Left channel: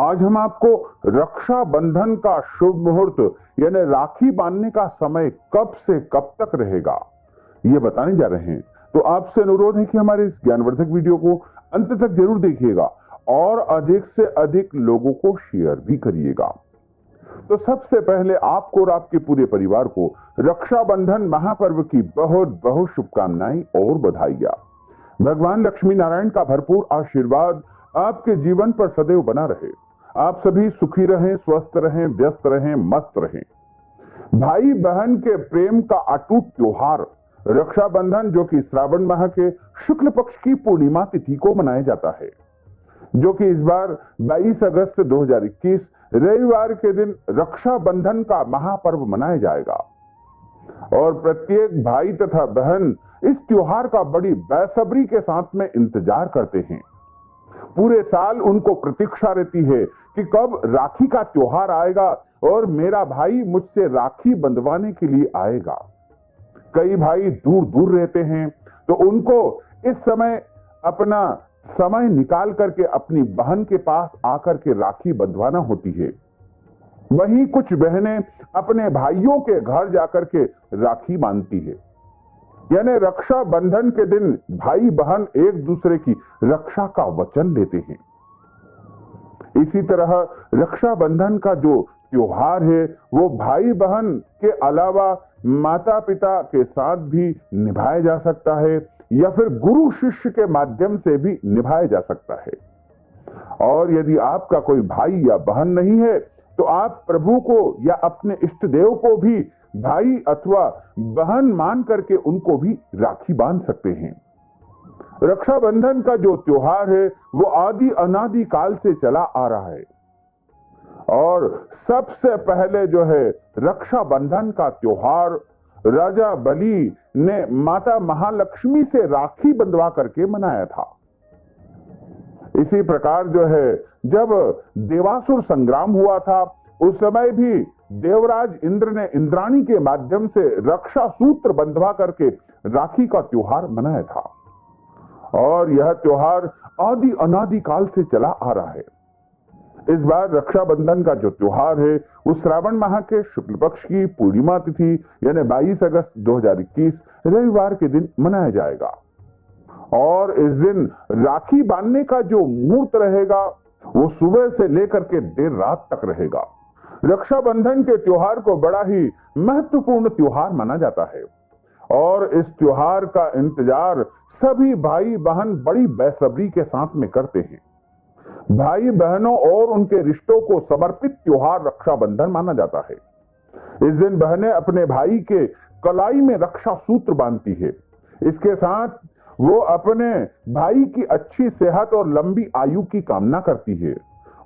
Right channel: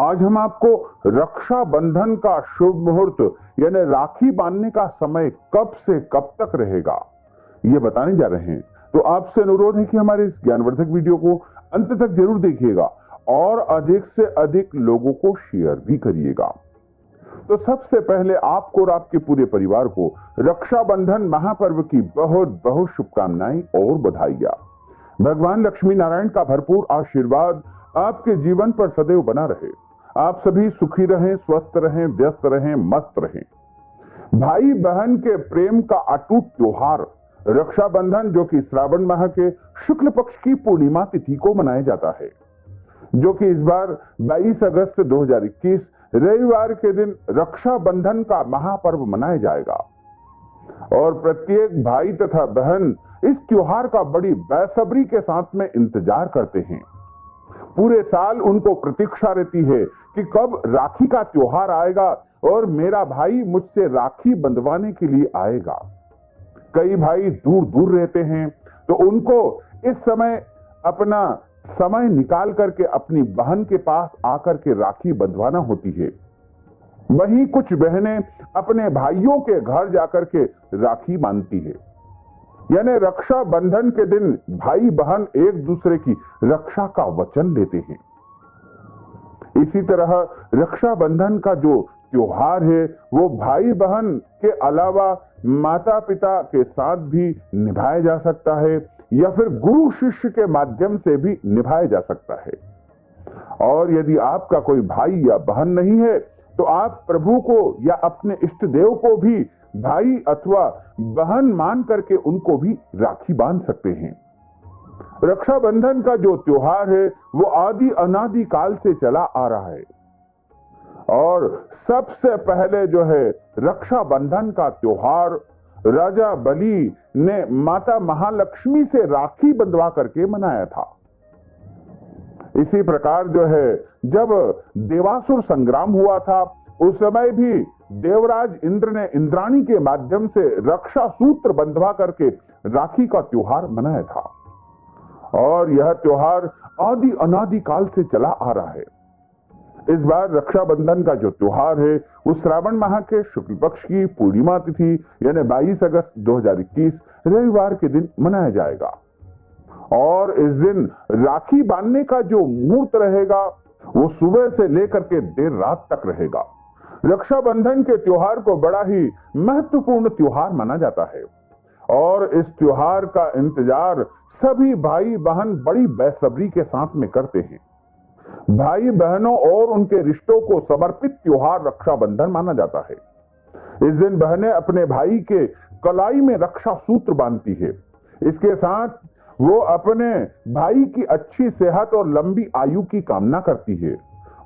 आज हम आपको रक्षा बंधन का शुभ मुहूर्त यानी राखी बांधने का समय कब से कब तक रहेगा ये बताने जा रहे हैं। तो आपसे अनुरोध है कि हमारे इस ज्ञानवर्धक वीडियो को अंत तक जरूर देखिएगा और अधिक से अधिक लोगों को शेयर भी करिएगा। तो सबसे पहले आपको और आपके पूरे परिवार को रक्षाबंधन महापर्व की बहुत बहुत शुभकामनाएं और बधाइयां। भगवान लक्ष्मी नारायण का भरपूर आशीर्वाद आपके जीवन पर सदैव बना रहे। आप सभी सुखी रहें, स्वस्थ रहें, व्यस्त रहें, मस्त रहें। भाई बहन के प्रेम का अटूट त्योहार रक्षाबंधन, जो कि श्रावण माह के शुक्ल पक्ष की पूर्णिमा तिथि को मनाया जाता है, जो कि इस बार 22 अगस्त 2021 रविवार के दिन रक्षाबंधन का महापर्व मनाया जाएगा। और प्रत्येक भाई तथा बहन इस त्योहार का बड़ी बेसब्री के साथ में इंतजार करते हैं। पूरे साल उनको प्रतीक्षा रहती है कि कब राखी का त्योहार आएगा और मेरा भाई मुझसे राखी बंधवाने के लिए आएगा। कई भाई दूर दूर रहते हैं तो उनको इस समय अपना समय निकाल करके अपनी बहन के पास आकर के राखी बंधवाना होती है। वहीं कुछ बहनें अपने भाइयों के घर जाकर के राखी बांधती है। यानी रक्षा बंधन के दिन भाई बहन एक दूसरे की रक्षा का वचन लेते हैं। इसी तरह रक्षाबंधन का जो त्योहार है वो भाई बहन के अलावा माता पिता के साथ भी निभाया जा सकता है या फिर गुरु शिष्य के माध्यम से भी निभाया जा सकता है। और यदि आपका कोई भाई या बहन नहीं है तो आप प्रभु को या अपने इष्ट देव को भी भाई अथवा बहन मान करके उनको भी राखी बांध सकते हैं। रक्षाबंधन का जो त्योहार है वो आदि अनादि काल से चला आ रहा है और सबसे पहले जो है रक्षाबंधन का त्योहार राजा बलि ने माता महालक्ष्मी से राखी बंधवा करके मनाया था। इसी प्रकार जो है जब देवासुर संग्राम हुआ था उस समय भी देवराज इंद्र ने इंद्राणी के माध्यम से रक्षा सूत्र बंधवा करके राखी का त्योहार मनाया था। और यह त्योहार आदि अनादि काल से चला आ रहा है। इस बार रक्षाबंधन का जो त्योहार है वो श्रावण माह के शुक्ल पक्ष की पूर्णिमा तिथि यानी 22 अगस्त 2021 रविवार के दिन मनाया जाएगा। और इस दिन राखी बांधने का जो मुहूर्त रहेगा वो सुबह से लेकर के देर रात तक रहेगा। रक्षाबंधन के त्योहार को बड़ा ही महत्वपूर्ण त्योहार माना जाता है और इस त्योहार का इंतजार सभी भाई बहन बड़ी बेसब्री के साथ में करते हैं। भाई बहनों और उनके रिश्तों को समर्पित त्योहार रक्षाबंधन माना जाता है। इस दिन बहनें अपने भाई के कलाई में रक्षा सूत्र बांधती है। इसके साथ वो अपने भाई की अच्छी सेहत और लंबी आयु की कामना करती है।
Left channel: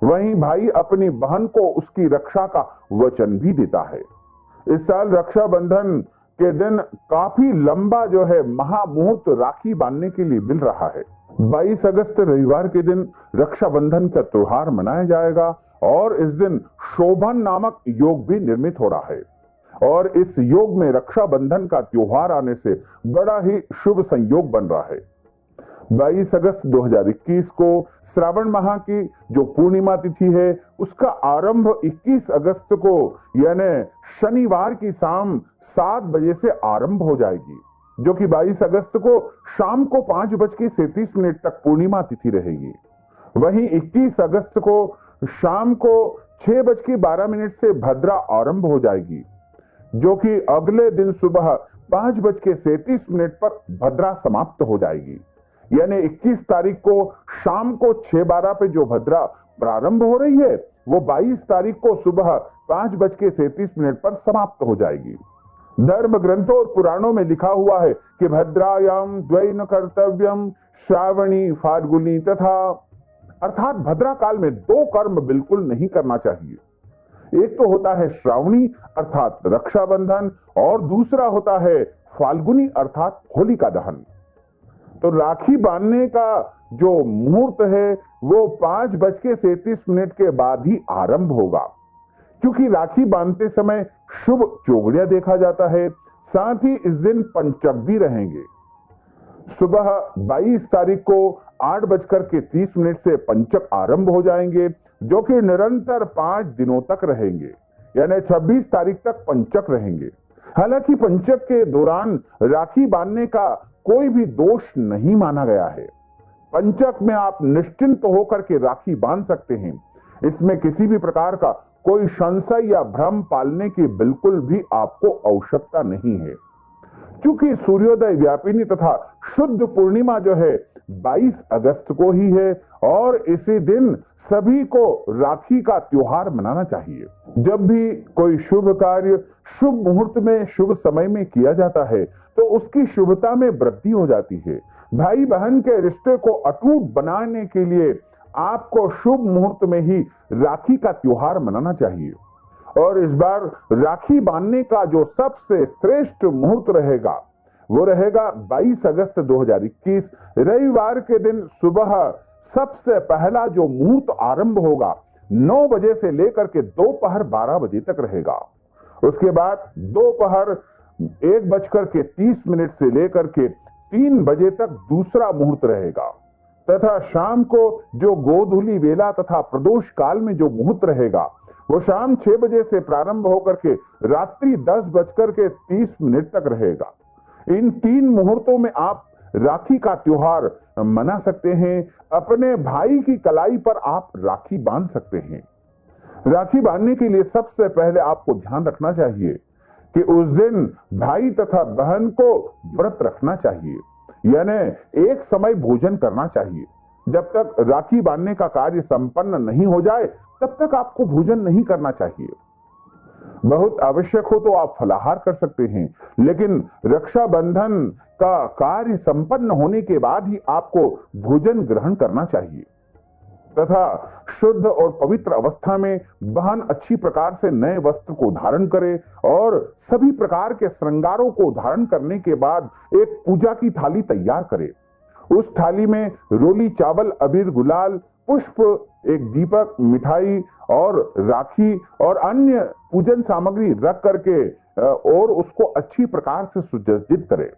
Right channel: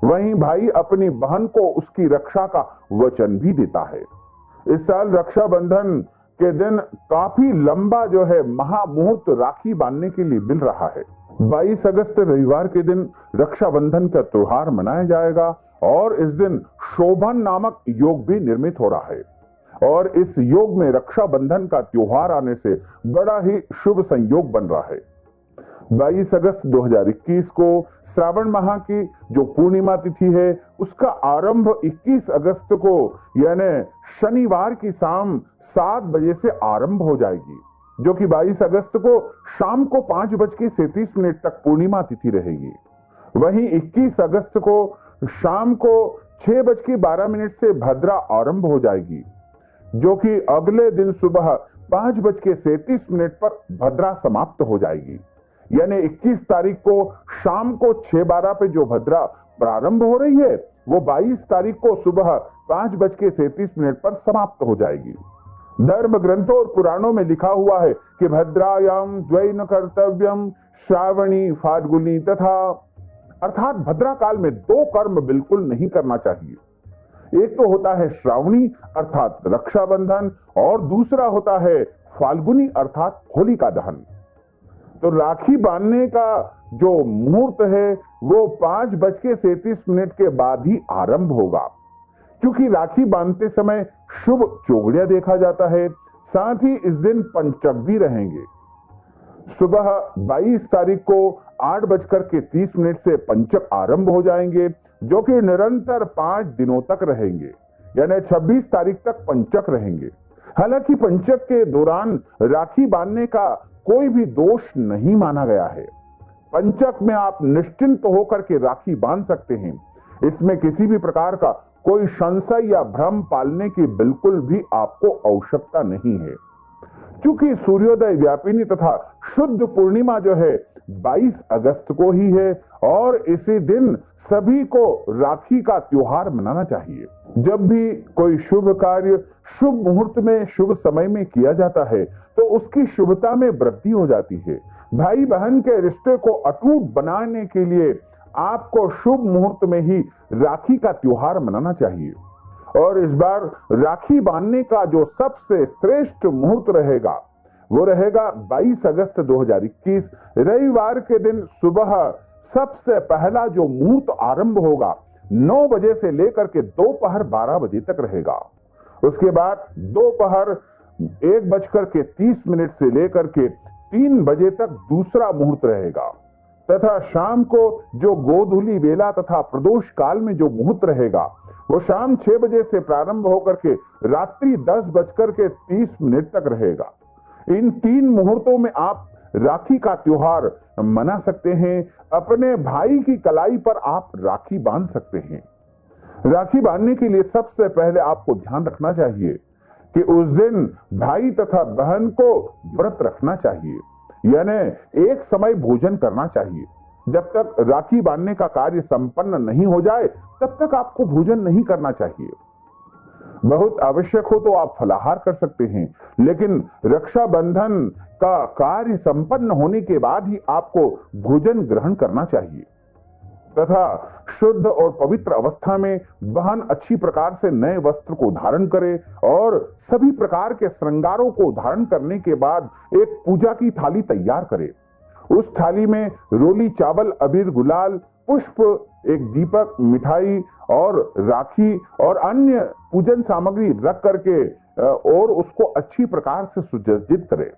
वहीं भाई अपनी बहन को उसकी रक्षा का वचन भी देता है। इस साल रक्षाबंधन के दिन काफी लंबा जो है महामुहूर्त राखी बांधने के लिए मिल रहा है। 22 अगस्त रविवार के दिन रक्षाबंधन का त्योहार मनाया जाएगा और इस दिन शोभन नामक योग भी निर्मित हो रहा है। और इस योग में रक्षाबंधन का त्योहार आने से बड़ा ही शुभ संयोग बन रहा है। 22 अगस्त 2021 को श्रावण माह की जो पूर्णिमा तिथि है उसका आरंभ 21 अगस्त को यानी शनिवार की शाम 7 बजे से आरंभ हो जाएगी, जो कि 22 अगस्त को शाम को 5:37 तक पूर्णिमा तिथि रहेगी। वहीं 21 अगस्त को शाम को 6:12 से भद्रा आरंभ हो जाएगी, जो कि अगले दिन सुबह 5:37 पर भद्रा समाप्त हो जाएगी। यानी 21 तारीख को शाम को 6:12 पे जो भद्रा प्रारंभ हो रही है वो 22 तारीख को सुबह 5:37 पर समाप्त हो जाएगी। धर्म ग्रंथों और पुराणों में लिखा हुआ है कि भद्रायाम द्वैन कर्तव्यम श्रावणी फाल्गुनी तथा, अर्थात भद्रा काल में 2 कर्म बिल्कुल नहीं करना चाहिए। एक तो होता है श्रावणी अर्थात रक्षाबंधन और दूसरा होता है फाल्गुनी अर्थात होलिका दहन। तो राखी बांधने का जो मुहूर्त है वो 5:37 के बाद ही आरंभ होगा, क्योंकि राखी बांधते समय शुभ चौगड़िया देखा जाता है। साथ ही इस दिन पंचक भी रहेंगे। सुबह 22 तारीख को 8:30 से पंचक आरंभ हो जाएंगे जो कि निरंतर 5 दिनों तक रहेंगे, यानी 26 तारीख तक पंचक रहेंगे। हालांकि पंचक के दौरान राखी बांधने का कोई भी दोष नहीं माना गया है। पंचक में आप निश्चिंत होकर के राखी बांध सकते हैं। इसमें किसी भी प्रकार का कोई संशय या भ्रम पालने की बिल्कुल भी आपको आवश्यकता नहीं है, क्योंकि सूर्योदय व्यापिनी तथा शुद्ध पूर्णिमा जो है 22 अगस्त को ही है और इसी दिन सभी को राखी का त्योहार मनाना चाहिए। जब भी कोई शुभ कार्य शुभ मुहूर्त में शुभ समय में किया जाता है तो उसकी शुभता में वृद्धि हो जाती है। भाई बहन के रिश्ते को अटूट बनाने के लिए आपको शुभ मुहूर्त में ही राखी का त्योहार मनाना चाहिए। और इस बार राखी बांधने का जो सबसे श्रेष्ठ मुहूर्त रहेगा वो रहेगा 22 अगस्त 2021 रविवार के दिन सुबह सबसे पहला जो मुहूर्त आरंभ होगा 9 बजे से लेकर के दोपहर 12 बजे तक रहेगा। उसके बाद दोपहर 1:30 से लेकर के 3 बजे तक दूसरा मुहूर्त रहेगा तथा शाम को जो गोधूली वेला तथा प्रदोष काल में जो मुहूर्त रहेगा वो शाम 6 बजे से प्रारंभ होकर के रात्रि 10:30 तक रहेगा। इन 3 मुहूर्तों में आप राखी का त्योहार मना सकते हैं। अपने भाई की कलाई पर आप राखी बांध सकते हैं। राखी बांधने के लिए सबसे पहले आपको ध्यान रखना चाहिए कि उस दिन भाई तथा बहन को व्रत रखना चाहिए, यानी एक समय भोजन करना चाहिए। जब तक राखी बांधने का कार्य संपन्न नहीं हो जाए तब तक आपको भोजन नहीं करना चाहिए। बहुत आवश्यक हो तो आप फलाहार कर सकते हैं, लेकिन रक्षाबंधन का कार्य संपन्न होने के बाद ही आपको भोजन ग्रहण करना चाहिए तथा शुद्ध और पवित्र अवस्था में बहन अच्छी प्रकार से नए वस्त्र को धारण करे और सभी प्रकार के श्रृंगारों को धारण करने के बाद एक पूजा की थाली तैयार करे। उस थाली में रोली चावल, अबीर, गुलाल, पुष्प, एक दीपक, मिठाई और राखी और अन्य पूजन सामग्री रख करके और उसको अच्छी प्रकार से सुसज्जित करे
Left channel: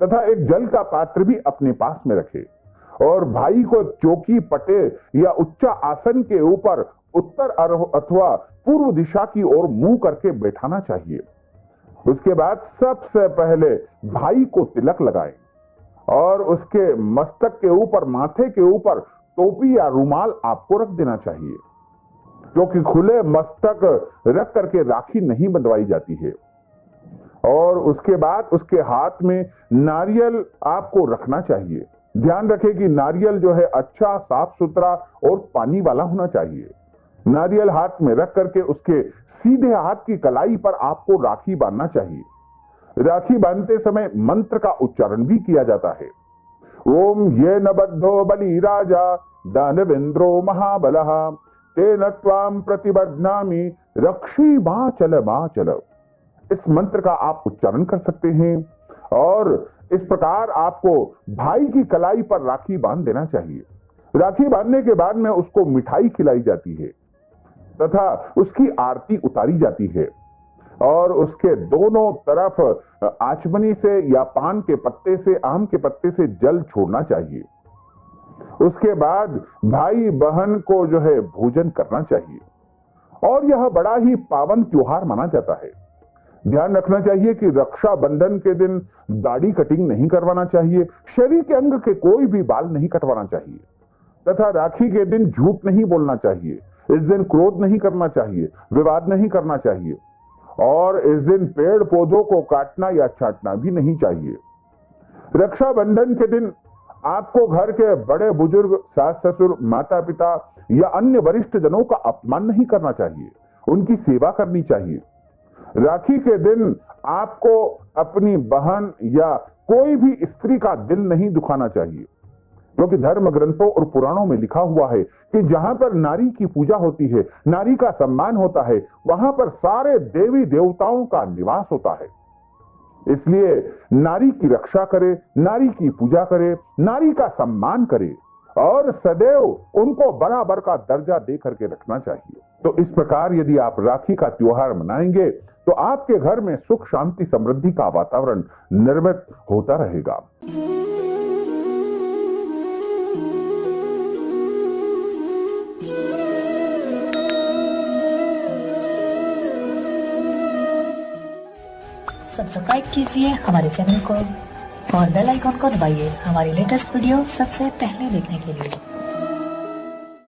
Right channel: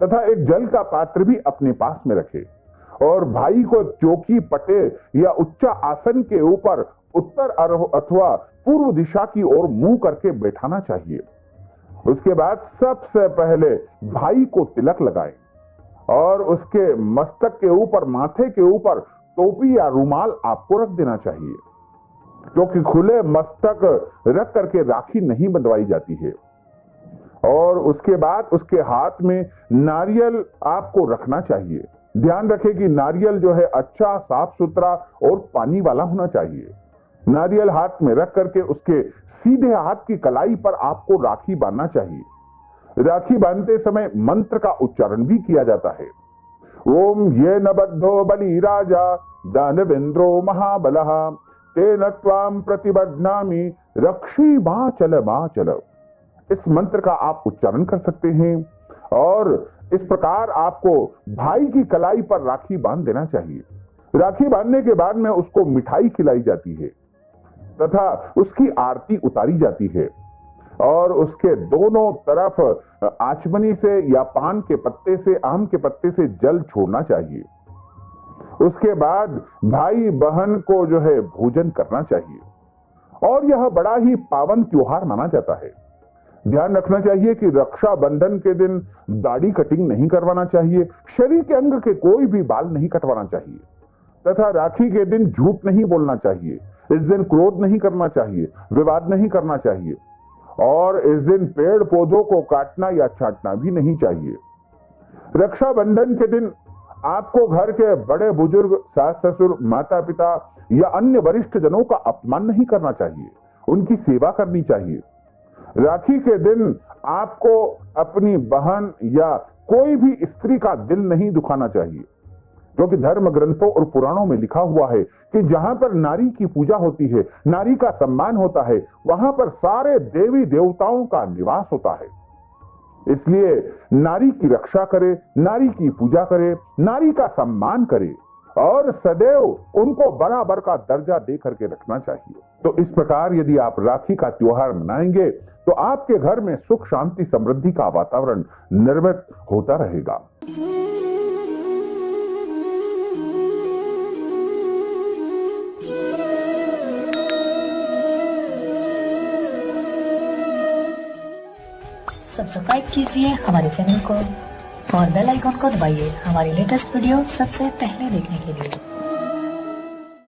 तथा एक जल का पात्र भी अपने पास में रखे और भाई को चौकी, पटे या उच्च आसन के ऊपर उत्तर अथवा पूर्व दिशा की ओर मुंह करके बैठाना चाहिए। उसके बाद सबसे पहले भाई को तिलक लगाएं और उसके मस्तक के ऊपर, माथे के ऊपर टोपी या रुमाल आपको रख देना चाहिए, क्योंकि खुले मस्तक रख करके राखी नहीं बंधवाई जाती है। और उसके बाद उसके हाथ में नारियल आपको रखना चाहिए। ध्यान रखें कि नारियल जो है अच्छा, साफ सुथरा और पानी वाला होना चाहिए। नारियल हाथ में रख करके उसके सीधे हाथ की कलाई पर आपको राखी बांधना चाहिए। राखी बांधते समय मंत्र का उच्चारण भी किया जाता है। ओम ये न बद्धो बलि राजा दानवेंद्रो महाबलः तेन त्वाम प्रतिबध्नामि रक्षी बाचल। इस मंत्र का आप उच्चारण कर सकते हैं और इस प्रकार आपको भाई की कलाई पर राखी बांध देना चाहिए। राखी बांधने के बाद में उसको मिठाई खिलाई जाती है तथा उसकी आरती उतारी जाती है और उसके दोनों तरफ आचमनी से या पान के पत्ते से, आम के पत्ते से जल छोड़ना चाहिए। उसके बाद भाई बहन को जो है भोजन करना चाहिए और यह बड़ा ही पावन त्योहार माना जाता है। ध्यान रखना चाहिए कि रक्षाबंधन के दिन दाढ़ी कटिंग नहीं करवाना चाहिए, शरीर के अंग के कोई भी बाल नहीं कटवाना चाहिए तथा राखी के दिन झूठ नहीं बोलना चाहिए। इस दिन क्रोध नहीं करना चाहिए, विवाद नहीं करना चाहिए और इस दिन पेड़ पौधों को काटना या चाटना भी नहीं चाहिए। रक्षाबंधन के दिन आपको घर के बड़े बुजुर्ग, सास ससुर, माता पिता या अन्य वरिष्ठ जनों का अपमान नहीं करना चाहिए, उनकी सेवा करनी चाहिए। राखी के दिन आपको अपनी बहन या कोई भी स्त्री का दिल नहीं दुखाना चाहिए, क्योंकि धर्म ग्रंथों और पुराणों में लिखा हुआ है कि जहां पर नारी की पूजा होती है, नारी का सम्मान होता है, वहां पर सारे देवी देवताओं का निवास होता है। इसलिए नारी की रक्षा करे, नारी की पूजा करे, नारी का सम्मान करे और सदैव उनको बराबर का दर्जा दे करके रखना चाहिए। तो इस प्रकार यदि आप राखी का त्योहार मनाएंगे तो आपके घर में सुख, शांति, समृद्धि का वातावरण निर्मित होता रहेगा। सब्सक्राइब कीजिए हमारे चैनल को और बेल आइकॉन को दबाइए हमारी लेटेस्ट वीडियो सबसे पहले देखने के लिए।